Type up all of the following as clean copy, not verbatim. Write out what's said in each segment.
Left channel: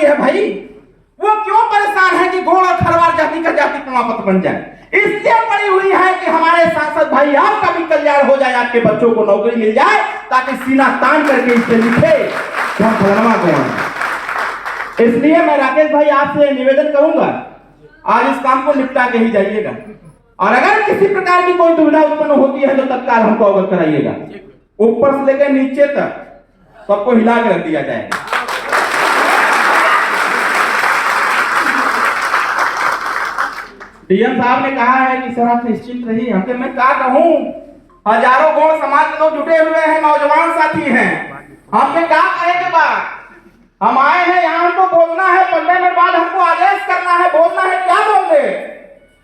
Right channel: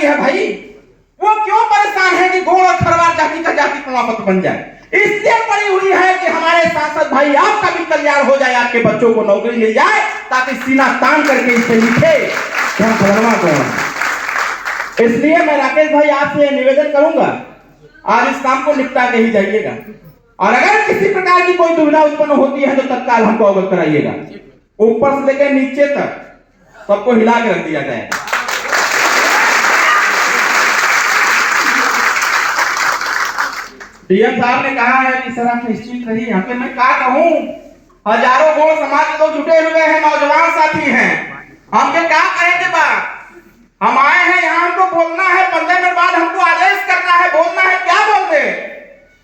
रही है भाई, वो क्यों परेशान है कि गोड़ और खरवार जाति का जाति प्रमाण पत्र बन जाए? इसलिए पड़ी हुई है कि हमारे सांसद भाई आपका भी कल्याण हो जाए, आपके बच्चों को नौकरी मिल जाए, ताकि सीना तान करके इस पे लिखे क्या फलनवा कौन। इसलिए मैं राकेश भाई आपसे निवेदन करूंगा, आज इस काम को निपटा के ही जाइएगा, और अगर किसी प्रकार की कोई दुविधा उत्पन्न होती है तो तत्काल हमको अवगत कराइएगा। ऊपर से लेकर नीचे तक सबको हिला के रख दिया जाएगा। डीएम साहब ने कहा है कि सर आप निश्चिंत रहिए, हमके मैं क्या कहूं, हजारों गौड़ समाज के लोग जुटे हुए हैं, नौजवान साथी हैं, हमके क्या कहेंगे बात, हम आए हैं यहाँ, हमको बोलना है, 15 मिनट बाद हमको आदेश करना है, बोलना है, क्या बोल दे।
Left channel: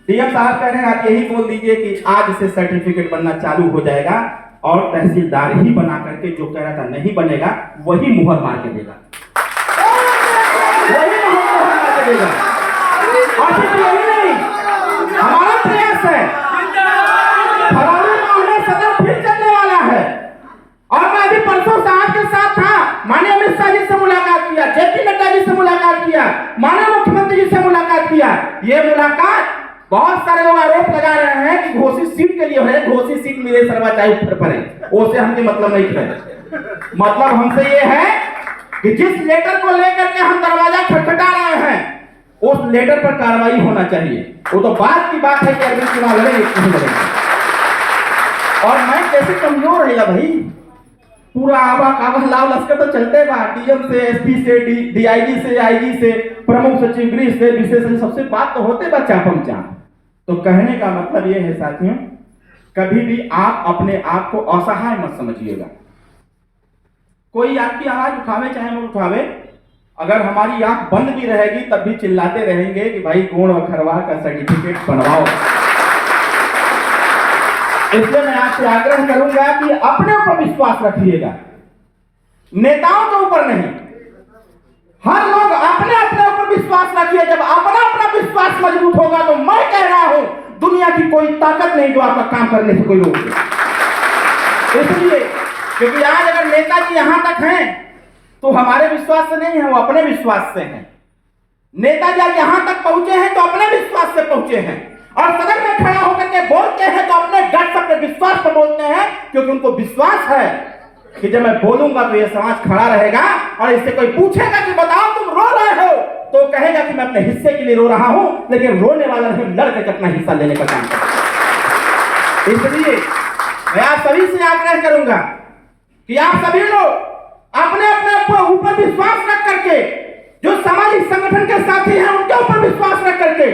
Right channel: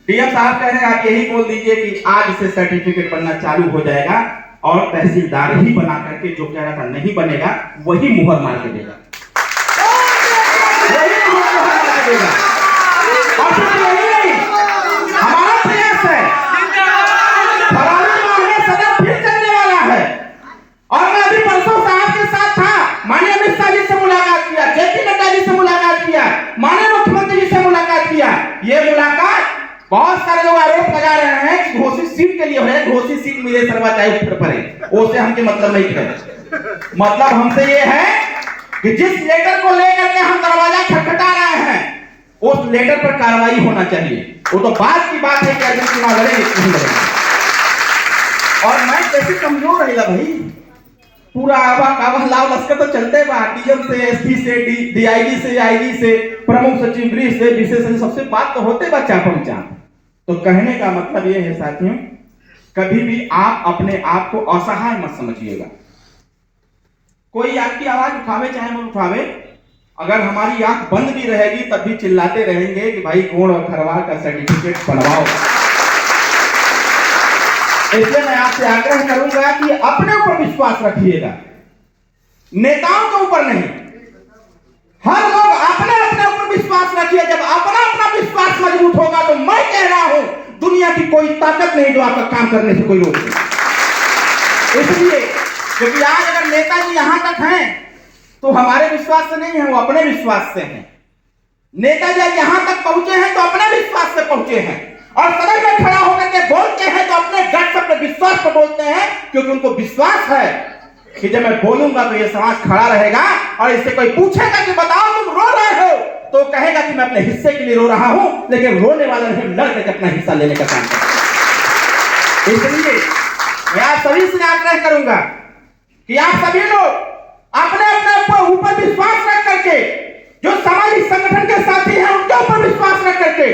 डीएम साहब कह रहे हैं आप यही बोल दीजिए कि आज से सर्टिफिकेट बनना चालू हो जाएगा, और तहसीलदार ही बना करके जो कह रहा था नहीं बनेगा वही मुहर मार के देगा, वही मुहर मार के देगा। और यही नहीं, हमारा प्रयास है, फरवरी माह में सदन फिर चलने वाला है, और मैं अभी परसों साहब के साथ था, माननीय अमित शाह जी से मुलाकात किया, जेपी नड्डा जी से मुलाकात किया, माननीय मुख्यमंत्री जी से मुलाकात किया। ये मुलाकात बहुत सारे लोग आरोप लगा रहे हैं कि घोषित सीट के लिए है, घोषित सीट मेरे सर्वा चाहे पड़े, उससे हमके मतलब नहीं है। मतलब हमसे ये है कि जिस लेटर को लेकर के हम दरवाजा खटखटा रहे हैं, उस लेटर पर कार्रवाई होना चाहिए। वो तो बात की बात है कि अगर चुनाव लड़े नहीं लड़ेगा। और मैं कैसे कमजोर रहेगा भाई, पूरा आवा कावा लाव लश्कर तो चलते बा, डीएम से, एसपी से, डीआईजी से, आईजी से, प्रमुख सचिव गृह से, विशेष सचिव, सबसे बात तो होते बा चापम चाप। तो कहने का मतलब ये है साथियों, कभी भी आप अपने आप को असहाय मत समझिएगा। कोई आपकी आवाज उठावे चाहे मत उठावे, अगर हमारी आंख बंद भी रहेगी तब भी चिल्लाते रहेंगे कि भाई गोड़ और खरवार का सर्टिफिकेट बनवाओ। इसलिए मैं आपसे आग्रह करूंगा कि अपने ऊपर विश्वास रखिएगा, नेताओं के ऊपर नहीं। हर लोग अपने अपने ऊपर विश्वास रखिए। जब अपना अपना विश्वास मजबूत होगा तो मैं कह रहा हूं दुनिया की कोई ताकत नहीं जो आपका काम करने से कोई रोक दे। इसलिए क्योंकि आज अगर नेताजी यहां तक हैं तो हमारे विश्वास से नहीं है, वो अपने विश्वास से हैं। नेताजी यहां तक पहुंचे हैं तो अपने विश्वास से पहुंचे हैं, और सदन में खड़ा होकर के बोलते हैं तो अपने गट अपने विश्वास पर बोलते हैं, क्योंकि उनको विश्वास है कि जब मैं बोलूंगा तो ये समाज खड़ा रहेगा। और इससे कोई पूछेगा कि बताओ तुम रो रहे हो, तो कहेगा कि मैं अपने हिस्से के लिए रो रहा हूं, लेकिन रोने वाला नहीं, लड़ करके अपना हिस्सा लेने का काम करता। इसलिए मैं आप सभी से आग्रह करूंगा कि आप सभी लोग अपने अपने ऊपर विश्वास रख करके, जो सामाजिक संगठन के साथी हैं उनके ऊपर विश्वास रख करके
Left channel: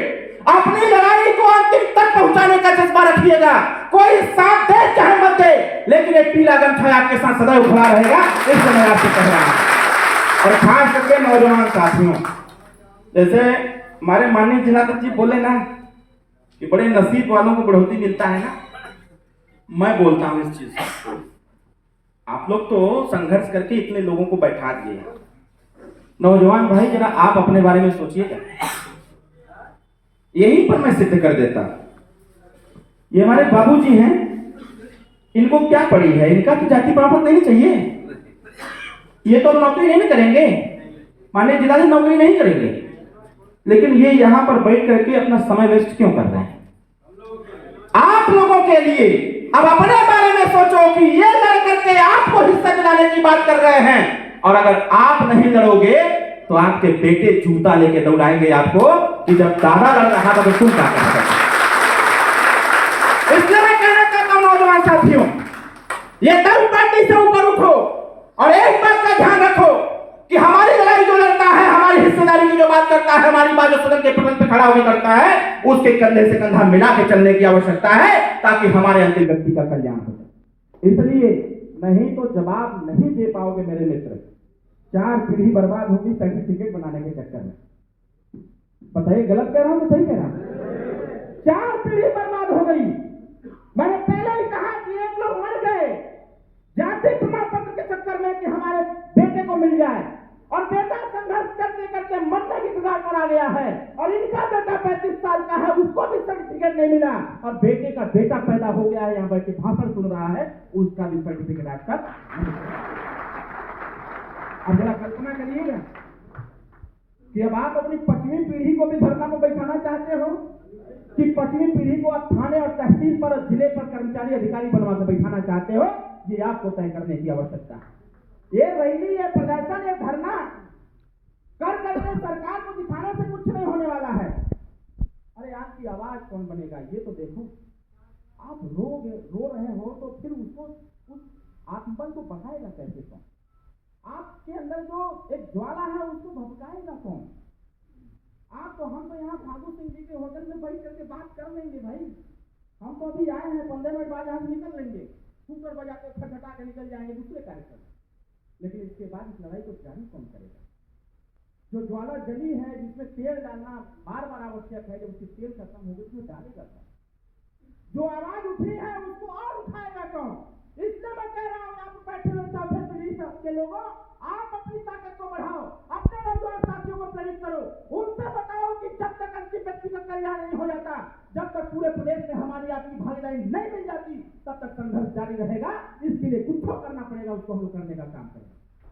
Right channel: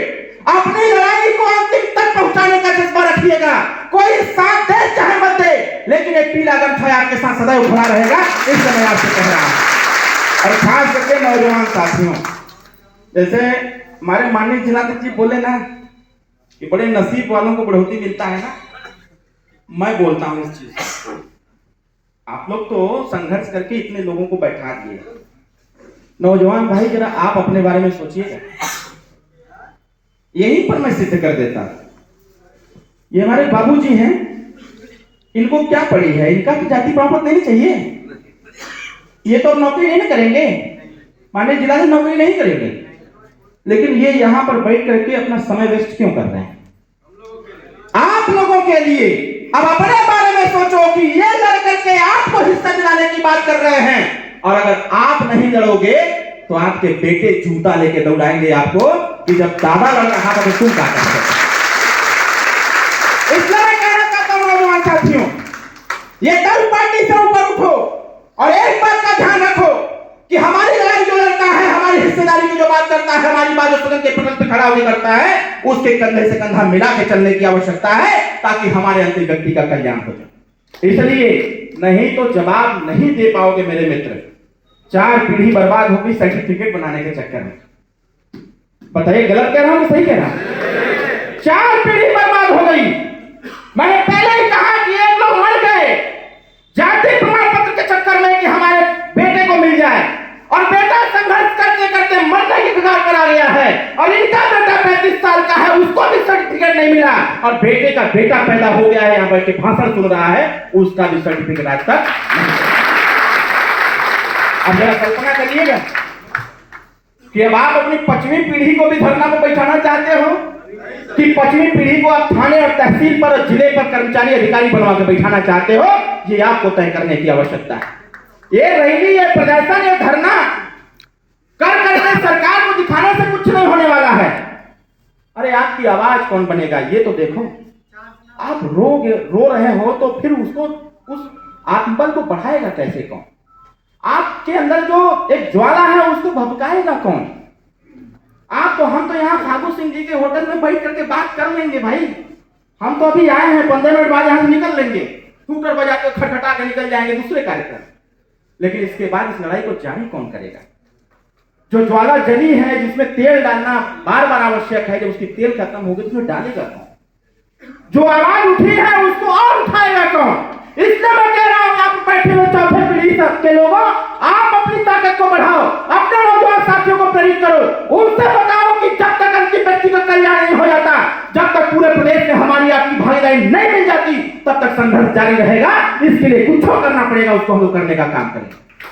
अपनी लड़ाई को अंतिम तक पहुंचाने का जज्बा रखिएगा। कोई साथ दे चाहे मत दे, लेकिन एक पीला गमछा आपके साथ सदैव खड़ा रहेगा। इसलिए मैं आपसे कह रहा हूं, और खास करके नौजवान साथियों, जैसे हमारे माननीय जिलाध्यक्ष जी बोले ना कि बड़े नसीब वालों को बढ़ोतरी मिलता है ना, मैं बोलता हूं इस चीज। आप लोग तो संघर्ष करके इतने लोगों को बैठा दिए। नौजवान भाई जरा आप अपने बारे में सोचिएगा, यहीं पर मैं सिद्ध कर देता। ये हमारे बाबूजी हैं, इनको क्या पड़ी है, इनका तो जाति प्रमाण पत्र नहीं चाहिए, ये तो नौकरी नहीं करेंगे, माननीय जिला से नौकरी नहीं करेंगे, लेकिन ये यहां पर बैठ करके अपना समय वेस्ट क्यों कर रहे हैं? आप लोगों के लिए अब अपने बारे में सोचो कि ये लड़ करके आपको हिस्सा दिलाने की बात कर रहे हैं, और अगर आप नहीं लड़ोगे तो आपके बेटे जूता लेके दौड़ाएंगे आपको कि जब दादा लड़ रहा था तो तुम क्या कर सकते। इसलिए मैं कहना चाहता हूं नौजवान साथियों, ये दल पार्टी से ऊपर उठो और एक बात का ध्यान रखो कि हमारी लड़ाई जो लड़ता है, हमारी हिस्सेदारी की जो बात करता है, हमारी बात जो सदन के पटल पर खड़ा होकर करता है, उसके कंधे से कंधा मिला के चलने की आवश्यकता है, ताकि हमारे अंतिम व्यक्ति का कल्याण हो जाए। इसलिए नहीं तो जवाब नहीं दे पाओगे मेरे मित्र, 4 पीढ़ी बर्बाद होगी सर्टिफिकेट बनाने के चक्कर में। बताइए गलत कह रहा हूं कि सही कह रहा हूं? 4 पीढ़ी बर्बाद हो गई। मैंने पहले ही कहा कि एक लोग मर गए जाति प्रमाण पत्र के चक्कर में कि हमारे बेटे को मिल जाए, और बेटा संघर्ष करते करते मरने की कगार पर आ गया है, और इनका बेटा 35 साल का है, उसको भी सर्टिफिकेट नहीं मिला, और बेटे का बेटा पैदा हो गया है, यहाँ बैठ के भाषण सुन रहा है, उसका भी सर्टिफिकेट आज तक नहीं। अब जरा कल्पना करिएगा, कि अब आप अपनी 5वीं पीढ़ी को भी धरना पर बैठाना चाहते हो कि 5वीं पीढ़ी को आप थाने और तहसील पर और जिले पर कर्मचारी अधिकारी बनवा के बैठाना चाहते हो, ये आपको तय करने की आवश्यकता है। ये रैली, ये प्रदर्शन, ये धरना कर करके सरकार को दिखाने से कुछ नहीं होने वाला है। अरे आपकी आवाज कौन बनेगा ये तो देखो। आप रो रहे हो तो फिर उसको, उस आत्मबल को बढ़ाएगा कैसे कौन? आपके अंदर जो एक ज्वाला है उसको भभकाएगा कौन? आप तो, हम तो यहाँ फागू सिंह जी के होटल में बैठ करके बात कर लेंगे भाई। हम तो अभी आए हैं, 15 मिनट बाद यहाँ से निकल लेंगे, स्कूटर बजा के खटखटा के निकल जाएंगे दूसरे कार्यक्रम। लेकिन इसके बाद इस लड़ाई को जारी कौन करेगा? जो ज्वाला जली है, जिसमें तेल डालना बार बार आवश्यक है, जब उसकी तेल खत्म होगी तो उसमें डालेगा कौन? जो आवाज उठी है उसको और उठाएगा कौन? इसलिए मैं कह रहा हूं, आप बैठे हुए चौथे पीढ़ी के लोगों, आप अपनी ताकत को बढ़ाओ, अपने नौजवान साथियों को प्रेरित करो, उनसे बताओ कि जब तक उनकी व्यक्तिगत कल्याण नहीं हो जाता, जब तक पूरे प्रदेश में हमारी आपकी भागीदारी नहीं मिल जाती, तब तक संघर्ष जारी रहेगा। इसके लिए कुछ करना पड़ेगा, उसको हम लोग करने का काम करें।